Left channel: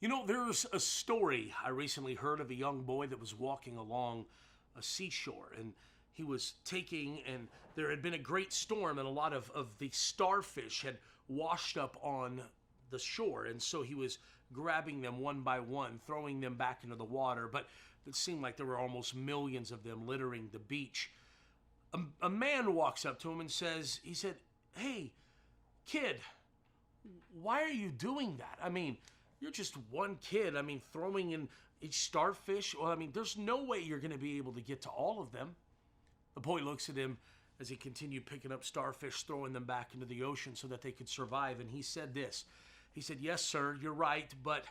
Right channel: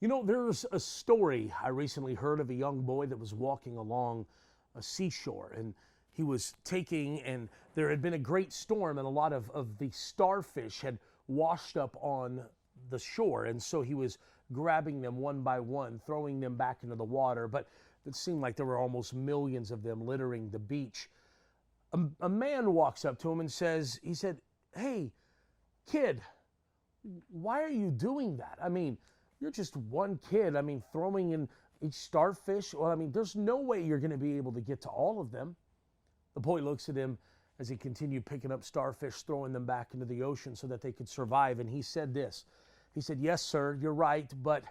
You know, there's a story I recently heard of a young boy that was walking along a seashore, and he was and there had been a great storm, and a lot of the starfish had washed up on the shore. And so he was grabbing them one by one, throwing them back into the water. But it seemed like there were almost millions of them littering the beach. A man walks up to him and he said, "Hey, kid, why are you doing that? I mean, you're just one kid. I mean, throwing in each starfish. Well, I mean, there's no way you're going to be able to get to all of them." The boy looks at him as he continued picking up starfish, throwing them back into the ocean so that they could survive. And he said this. He said, "Yes, sir, you're right, but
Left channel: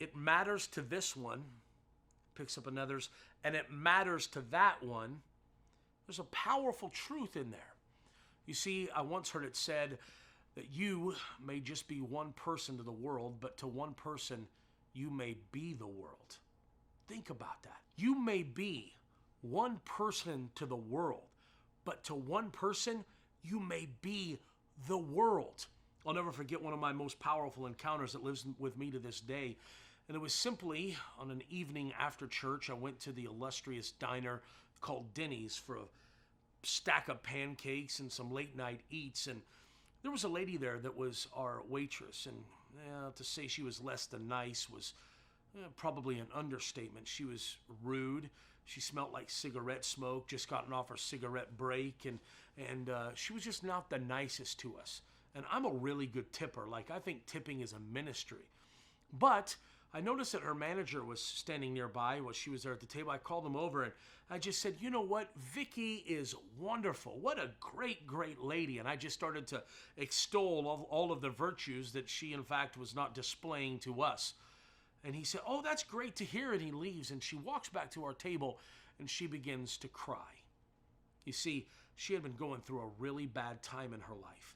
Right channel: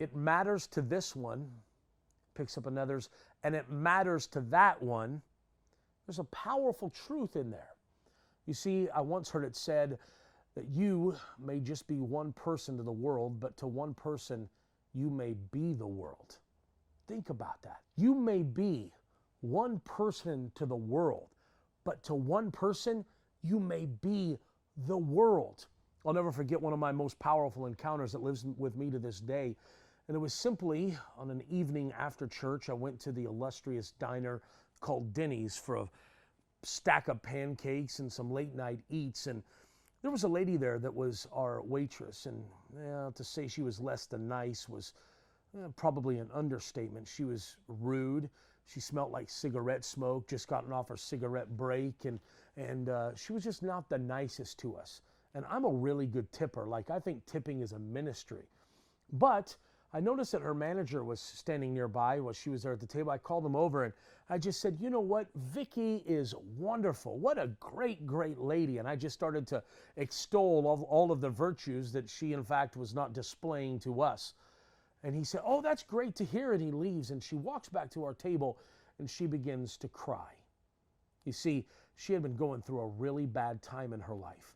it matters to this one." Picks up another's, "And it matters to that one." There's a powerful truth in there. You see, I once heard it said that you may just be one person to the world, but to one person, you may be the world. Think about that. You may be one person to the world, but to one person, you may be the world. I'll never forget one of my most powerful encounters that lives with me to this day. And it was simply on an evening after church. I went to the illustrious diner called Denny's for a stack of pancakes and some late night eats. And there was a lady there that was our waitress, and to say she was less than nice was probably an understatement. She was rude. She smelled like cigarette smoke, just gotten off her cigarette break, and she was just not the nicest to us. And I'm a really good tipper. Like, I think tipping is a ministry. But I noticed that her manager was standing nearby while she was there at the table. I called him over and I just said, "You know what? Vicky is wonderful. What a great, great lady." And I just started to extol all of the virtues that she, in fact, was not displaying to us. And he said, "Oh, that's great to hear." And he leaves, and she walks back to our table and she begins to cry. You see, she had been going through a really bad time in her life.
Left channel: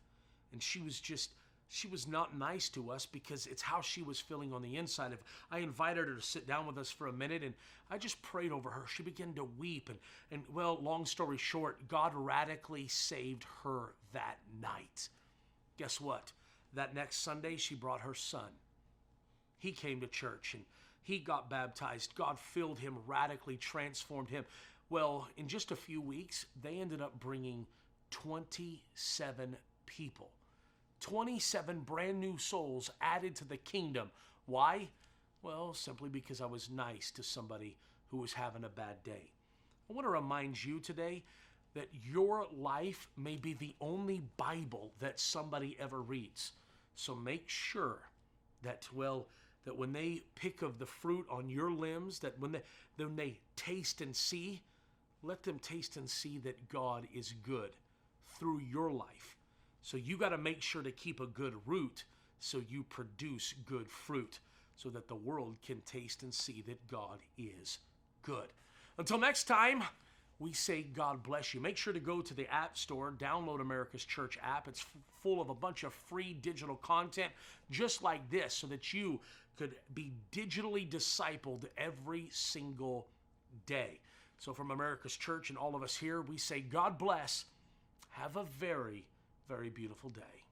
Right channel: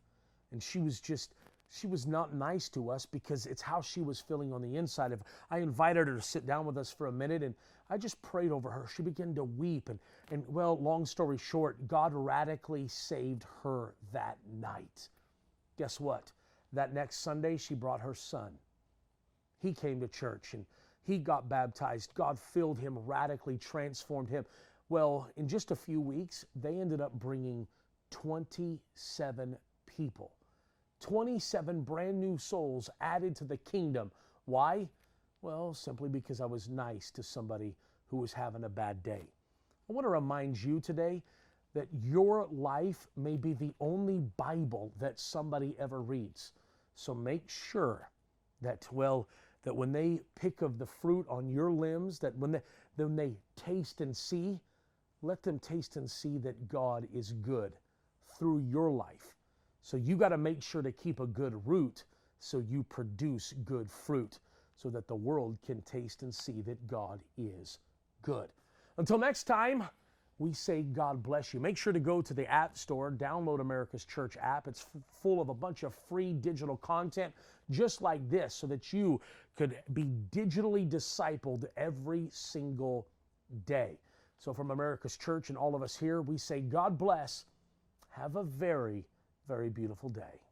And she was not nice to us because it's how she was feeling on the inside. I invited her to sit down with us for a minute, and I just prayed over her. She began to weep. And well, long story short, God radically saved her that night. Guess what? That next Sunday, she brought her son. He came to church, and he got baptized. God filled him, radically transformed him. Well, in just a few weeks, they ended up bringing 27 people. 27 brand new souls added to the kingdom. Why? Well, simply because I was nice to somebody who was having a bad day. I want to remind you today that your life may be the only Bible that somebody ever reads. So make sure that, that when they pick of the fruit on your limbs, that when they taste and see, let them taste and see that God is good through your life. So you got to make sure to keep a good root so you produce good fruit so that the world can taste and see that God is good. Until next time, we say God bless you. Make sure to go to the App Store, download America's Church app. It's full of a bunch of free digital content just like this so that you could be digitally discipled every single day. So from America's Church and all of us here, we say God bless. Have a very beautiful day.